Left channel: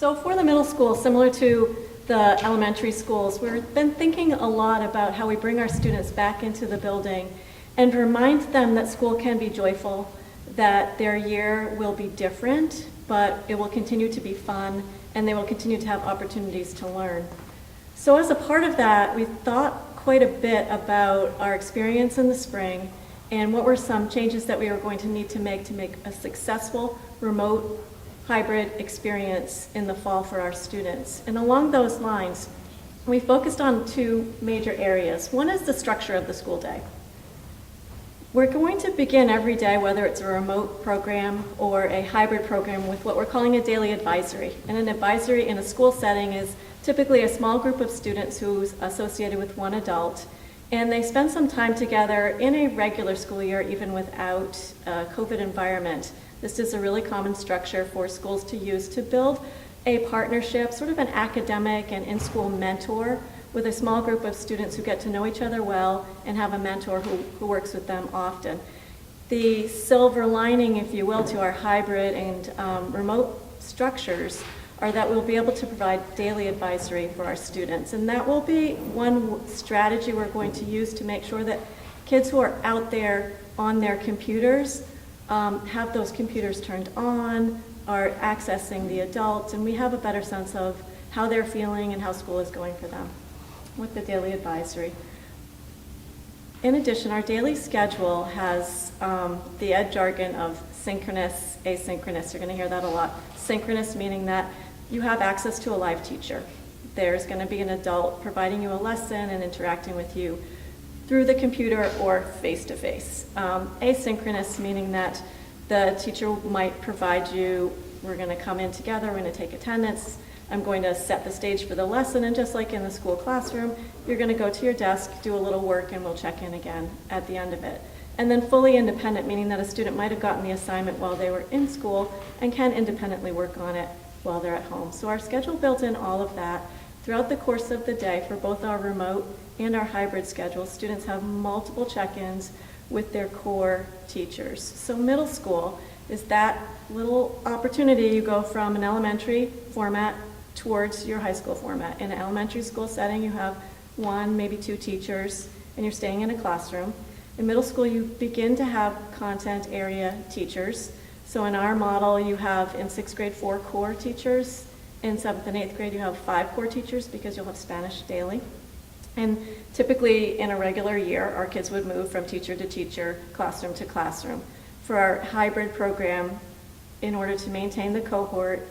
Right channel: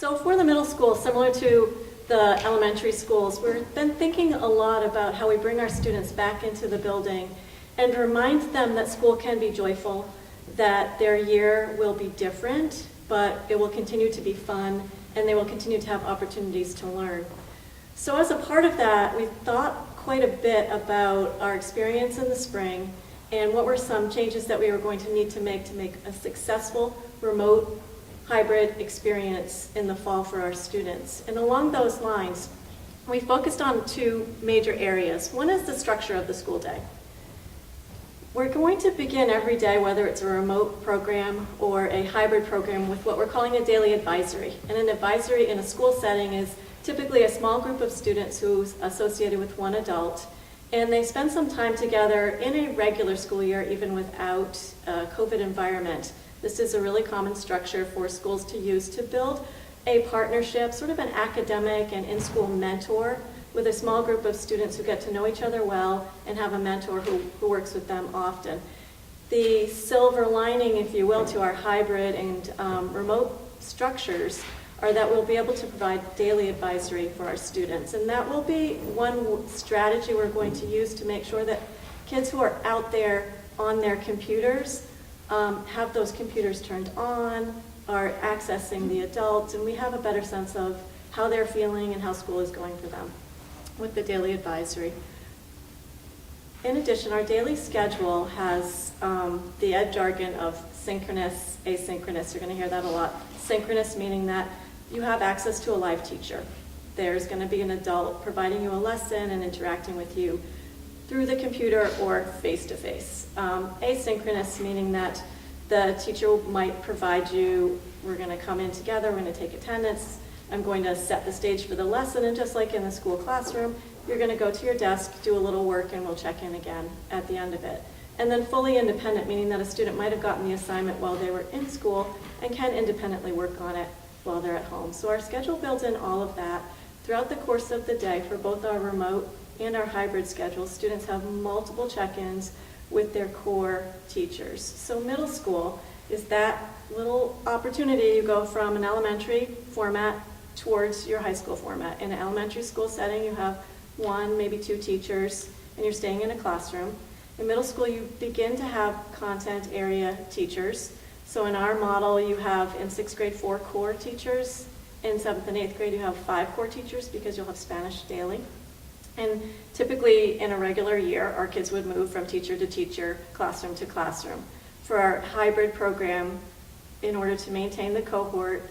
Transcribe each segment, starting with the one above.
So for the middle school, similar to the elementary schools, we've been thinking a lot about how we bring our students back into the building and remind them that school can be joyful, that their year will be different, but it will continue to be fun, and they will continue to have opportunities to learn. So as a part of that, we thought quite a bit about our experience in the spring and what were some changes that we were going to need to make a successful remote hybrid experience in the fall for our students. And along those lines, we focused on two major areas. One is the structure of the school day. We're going to begin every day, whether it's a remote program or a hybrid program, with what we're calling a daily advisory. And an advisory in a school setting is typically a small group of students who's associated with one adult, and they spend some time together in a regular school year, even without a COVID environment. This is a really common structure for schools to use to build a partnership, sort of an academic and in-school mentor with a small group of students who get to know each other well and have a mentor who works with them often. The silver lining, if you will, to our hybrid and remote structures are that we'll be able to provide daily advisory for our students. And that will be one strategy we're going to use to make sure that kids who are out there on their computers have those computers turned on, are accessing the adults, and we have a better sense of how they're feeling and how school is going for them with the daily advisory. In addition, our daily schedule has the ed jargon of synchronous, asynchronous. You're going to hear that a lot. Synchronous meaning that you have access to a live teacher. There's going to be an adult providing you a lesson and interacting with you through the computer or face-to-face. Asynchronous meaning that the teacher might provide you, we're going to come in together, we're going to take attendance, I'm going to set the stage for the lesson, and just like in the school classroom, you're going to go to your desk, do a little work, and we'll check in again at the end of it. And then fully independent, meaning that a student might have gotten the assignment while they were in school and can independently work on it while they're at home. So our schedule built in all of that. Throughout the course of the day, for both our remote and our hybrid schedules, students have multiple check-ins with their core teachers. So middle school is that little opportunity. You go from an elementary format towards your high school format. In an elementary school setting, you have one, maybe two teachers, and you're staying in a classroom. In middle school, you begin to have content area teachers. So in our model, you have in 6th grade 4 core teachers. In 7th and 8th grade, you have 5 core teachers because you'll have Spanish daily. And typically in a regular year, our kids would move from teacher to teacher, classroom to classroom. For our hybrid program, in order to maintain the cohorting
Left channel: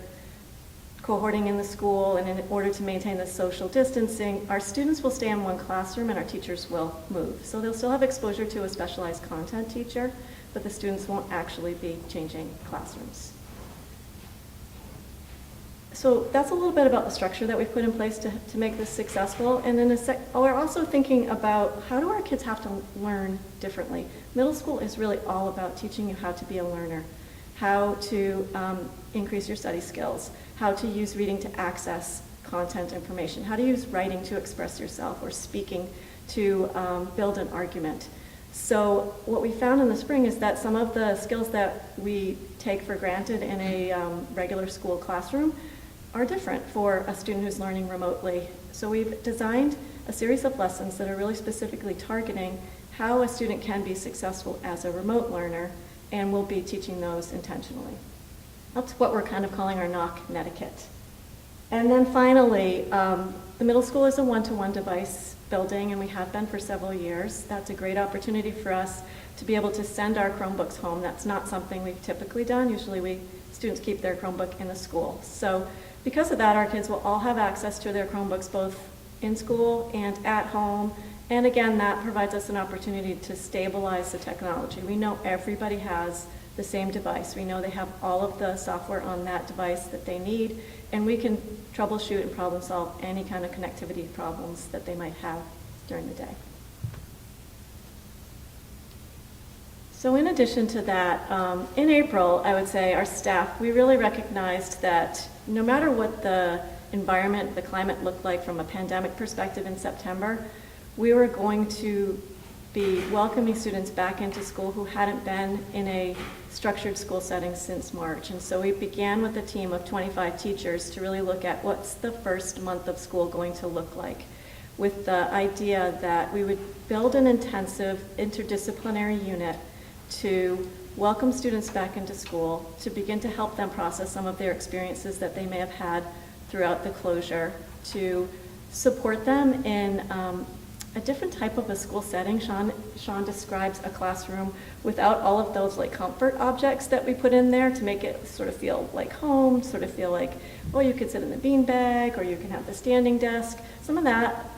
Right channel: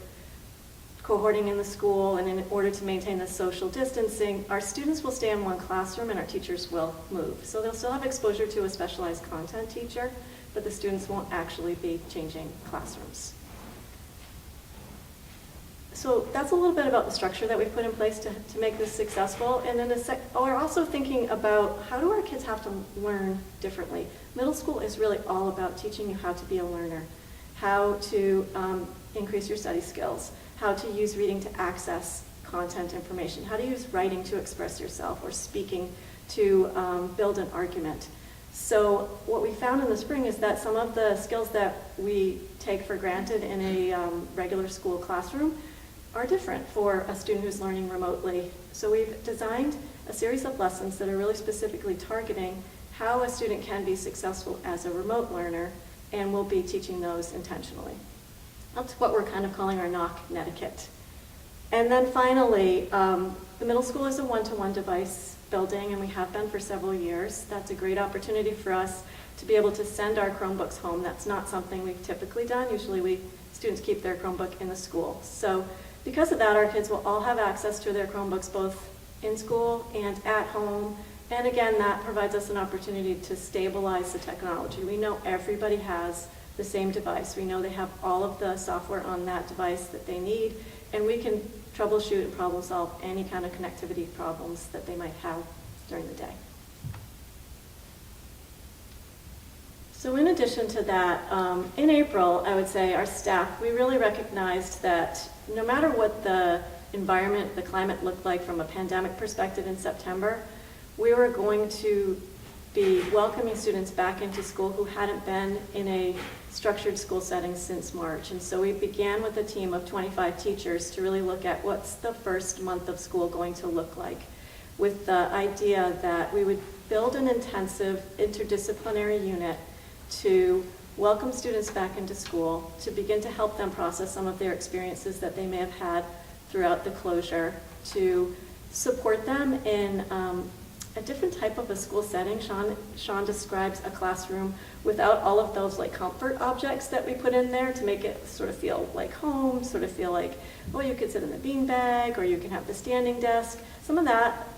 in the school, and in order to maintain the social distancing, our students will stay in one classroom and our teachers will move. So they'll still have exposure to a specialized content teacher, but the students won't actually be changing classrooms. So that's a little bit about the structure that we've put in place to make this successful. And then we're also thinking about how do our kids have to learn differently. Middle school is really all about teaching you how to be a learner, how to increase your study skills, how to use reading to access content information, how to use writing to express yourself, or speaking to build an argument. So what we found in the spring is that some of the skills that we take for granted in a regular school classroom are different for a student who's learning remotely. So we've designed a series of lessons that are really specifically targeting how a student can be successful as a remote learner, and we'll be teaching those intentionally. That's what we're kind of calling our Nock netiquette. And then finally, the middle school is a one-to-one device building, and we have been for several years. That's a great opportunity for us to be able to send our Chromebooks home. That's not something we've typically done. Usually students keep their Chromebook in the school. So because of that, our kids will all have access to their Chromebooks both in school and at home. And again, that provides us an opportunity to stabilize the technology. We know everybody has the same device. We know they have all of the software on that device that they need, and we can troubleshoot and problem solve any kind of connectivity problems that they might have during the day. So in addition to that, in April, I would say our staff, we really recognized that no matter what the environment, the climate looked like from a pandemic perspective in September, we were going to be welcoming students back into school who hadn't been in a structured school setting since March. And so we began with a team of 25 teachers to really look at what's the first month of school going to look like, with the idea that we would build an intensive interdisciplinary unit to welcome students back into school, to begin to help them process some of their experiences that they may have had throughout the closure, to support them in a different type of a school setting. Sean describes a classroom without all of those like comfort objects that we put in there to make it sort of feel like home, sort of feel like, oh, you could sit in the beanbag or you can have the standing desk. Some of that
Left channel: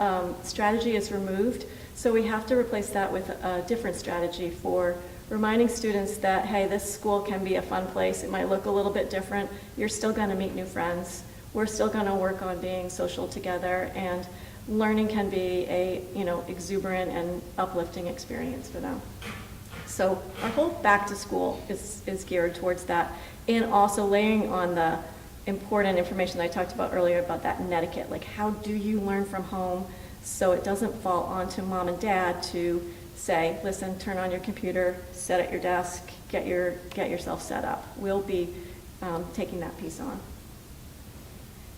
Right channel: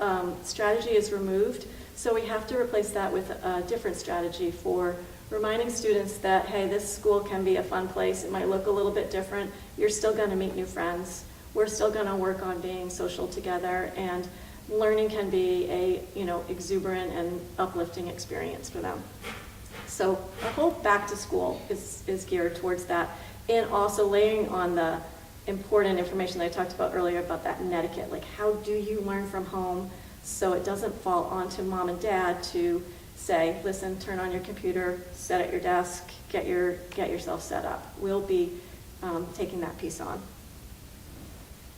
strategy is removed, so we have to replace that with a different strategy for reminding students that, hey, this school can be a fun place. It might look a little bit different. You're still going to meet new friends. We're still going to work on being social together, and learning can be a exuberant and uplifting experience for them. So our whole back to school is geared towards that, and also layering on the important information that I talked about earlier about that etiquette, like how do you learn from home so it doesn't fall onto mom and dad to say, listen, turn on your computer, sit at your desk, get yourself set up. We'll be taking that piece on.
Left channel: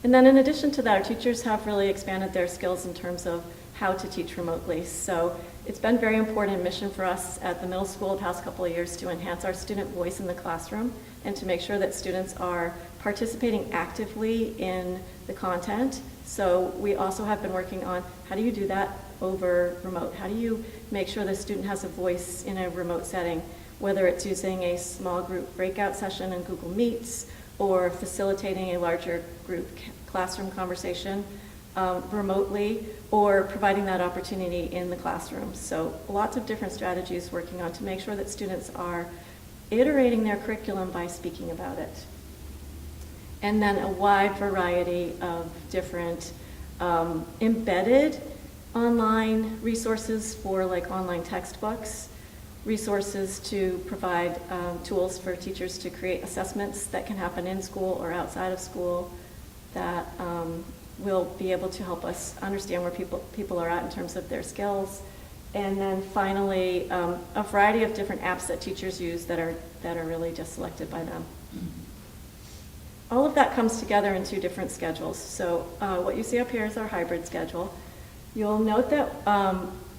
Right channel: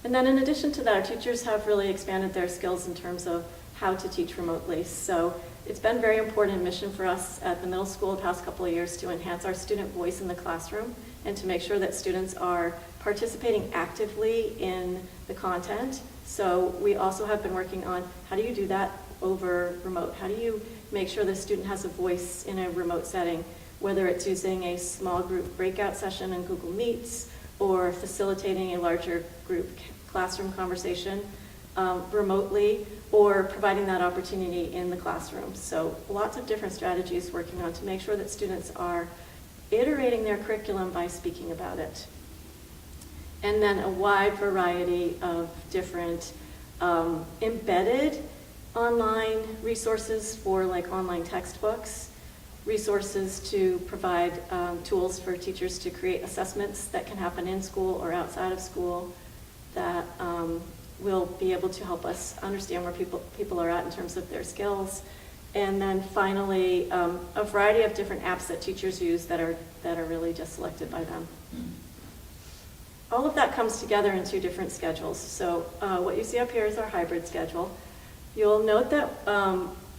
And then in addition to that, our teachers have really expanded their skills in terms of how to teach remotely. So it's been a very important mission for us at the middle school the past couple of years to enhance our student voice in the classroom and to make sure that students are participating actively in the content. So we also have been working on how do you do that over remote? How do you make sure the student has a voice in a remote setting, whether it's using a small group breakout session in Google Meets or facilitating a larger group classroom conversation remotely, or providing that opportunity in the classroom. So lots of different strategies working on to make sure that students are iterating their curriculum by speaking about it. And then a wide variety of different embedded online resources for like online textbooks, resources to provide tools for teachers to create assessments that can happen in school or outside of school that will be able to help us understand where people are at in terms of their skills. And then finally, a variety of different apps that teachers use that are really just selected by them. All of that comes together in two different schedules. So what you see up here is our hybrid schedule. You'll note that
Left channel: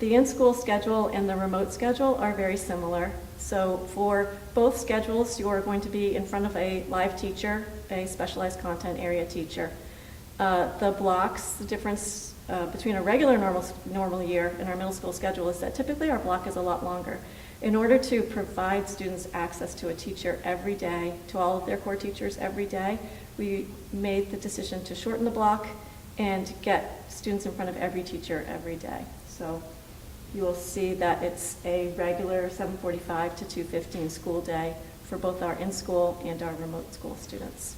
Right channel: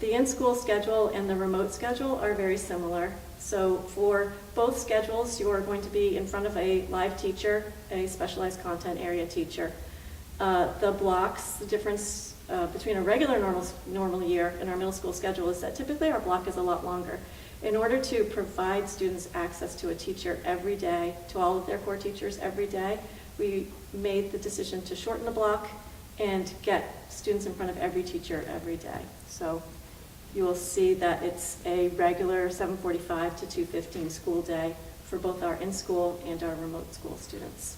the in-school schedule and the remote schedule are very similar. So for both schedules, you are going to be in front of a live teacher, a specialized content area teacher. The blocks, the difference between a regular normal year and our middle school schedule is that typically our block is a lot longer. In order to provide students access to a teacher every day, to all of their core teachers every day, we made the decision to shorten the block and get students in front of every teacher every day. So you'll see that it's a regular 7:45 to 2:15 school day for both our in-school and our remote school students.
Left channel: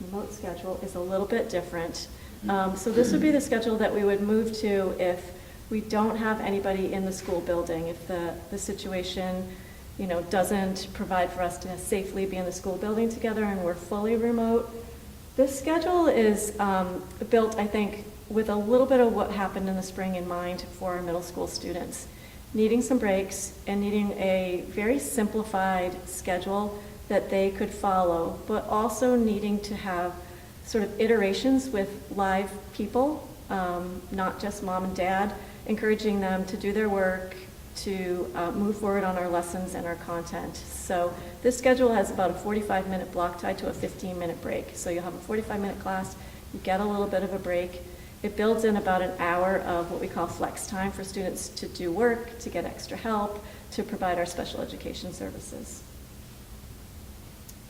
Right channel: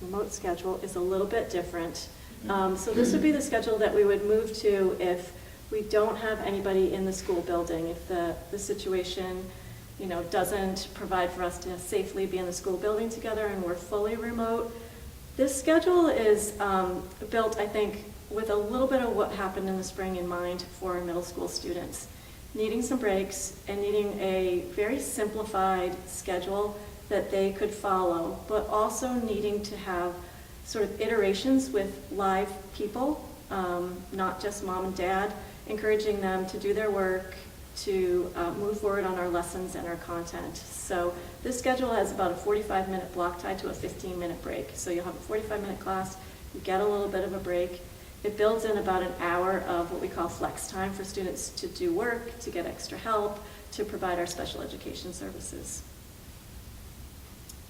Remote schedule is a little bit different. So this would be the schedule that we would move to if we don't have anybody in the school building, if the situation doesn't provide for us to safely be in the school building together and we're fully remote. This schedule is built, I think, with a little bit of what happened in the spring in mind for our middle school students. Needing some breaks and needing a very simplified schedule that they could follow, but also needing to have sort of iterations with live people, not just mom and dad, encouraging them to do their work, to move forward on our lessons and our content. So this schedule has about a 45-minute block tied to a 15-minute break. So you'll have a 45-minute class, you get a little bit of a break. It builds in about an hour of what we call flex time for students to do work, to get extra help, to provide our special education services.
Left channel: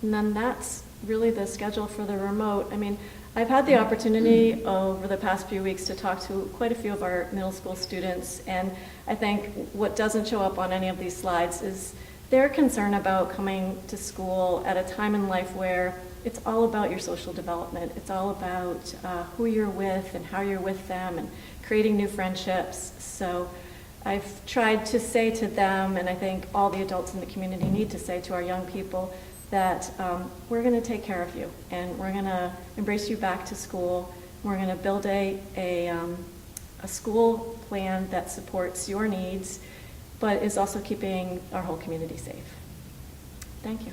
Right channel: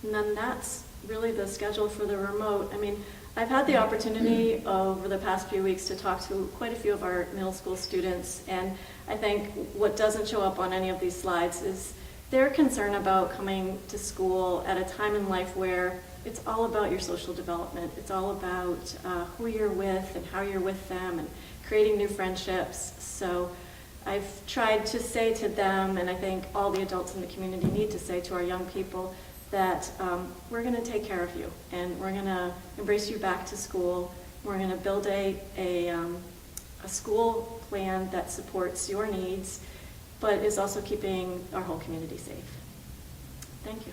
And then that's really the schedule for the remote. I mean, I've had the opportunity over the past few weeks to talk to quite a few of our middle school students, and I think what doesn't show up on any of these slides is their concern about coming to school at a time in life where it's all about your social development. It's all about who you're with and how you're with them and creating new friendships. So I've tried to say to them, and I think all the adults in the community need to say to our young people, that we're going to take care of you and we're going to embrace you back to school. We're going to build a a school plan that supports your needs, but is also keeping our whole community safe. Thank you.